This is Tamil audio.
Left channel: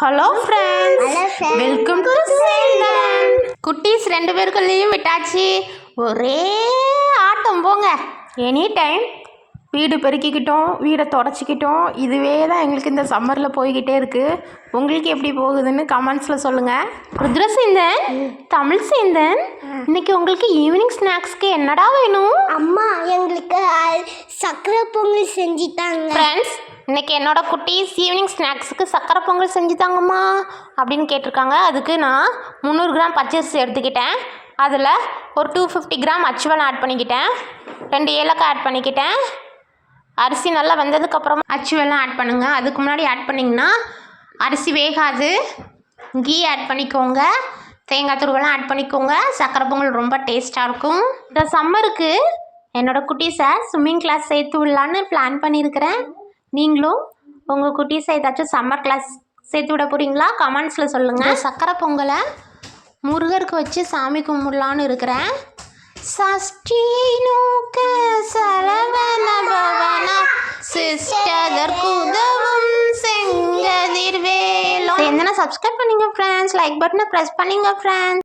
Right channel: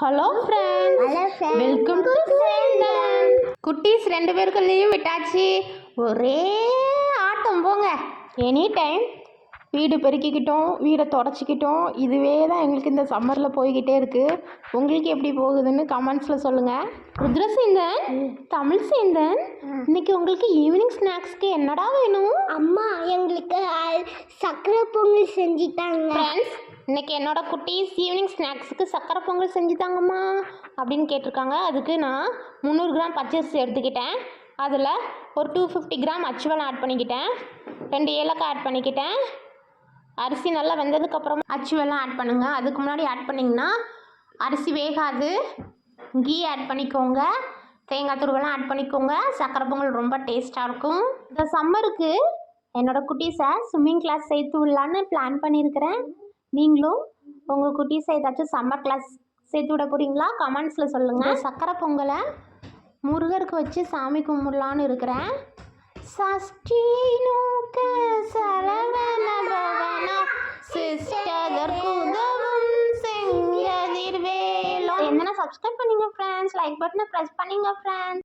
ஹலோ ஃப்ரெண்ட்ஸ், வெல்கம் டு சேந்தன். குட்டீஸ் 2 பேருக்கும் லீவ் விட்டாச்சு. ஒரே ஆட்டம் போங்க. எனி டைம் வீடு பெருக்கிக்கிட்டோம், வீடை தொடச்சிக்கிட்டோம். இதுவே தான் எங்களுக்கு இந்த சம்மரில் போய்கிட்டே இருக்குது. உங்களுக்கு எப்படி போகுதுன்னு கமெண்ட்ஸில் சொல்லுங்கள். ருத்ரசேந்தன், தமிழ் சேந்தன், இன்னைக்கு உங்களுக்கு ஈவினிங் ஸ்நாக்ஸ்க்கு என்னடா வேணும்? அம்மா, எங்களுக்கு சக்கரை பொங்கல் செஞ்சுட்டாங்க. ஃப்ரெண்ட்ஸ், இன்றைக்கி என்னோட குட்டீஸ் ஈவினிங் ஸ்நாக்ஸுக்கு சக்கரை பொங்கல் செஞ்சு தாங்கம்மா அப்படின்னு கேட்டிருக்காங்க. அதுக்கு நான் 300 கிராம் பச்சரிசி எடுத்துக்கிட்டேன். அதில் ஒரு 250 கிராம் அச்சுவல் ஆட் பண்ணிக்கிட்டேன். 2 ஏலக்காய் ஆட் பண்ணிக்கிட்டேன். அரிசி நல்லா வெந்ததுக்கப்புறம் அச்சுவெல்லாம் ஆட் பண்ணுங்கள். அதுக்கு முன்னாடி ஆட் பண்ணிங்கன்னா அரிசி வேகாது. கீ ஆட் பண்ணிக்கோங்க, தேங்காய் துருவெல்லாம் ஆட் பண்ணிக்கோங்க. சக்கரை பொங்கல் ரொம்ப டேஸ்ட்டாக இருக்கும். இந்த சம்மருக்கு என்னோடய குட்டீஸை ஸ்விம்மிங் கிளாஸ் சேர்த்து விடலான்னு பிளான் பண்ணியிருக்கிறேன். நீங்களும் உங்கள் குட்டீஸை ஏதாச்சும் சம்மர் கிளாஸ் சேர்த்து விட போகிறீங்களா? கமெண்ட்ஸில் சொல்லுங்கள். சக்கரை பொங்கலை முருகருக்கு வச்சு சாமி கும்பிடலான்னு இருக்கிறேன். சஷ்டி நோக்க சரவண பவன சிஸ்டதற்கு உதவும் செங்கதிர்வேலோ. என்னன்னா சப்ஸ்கிரைப் பண்ணுங்க ஃப்ரெண்ட்ஸ், லைக் பட்டனை ப்ரெஸ் பண்ணுங்க ஃப்ரெண்ட்ஸ்.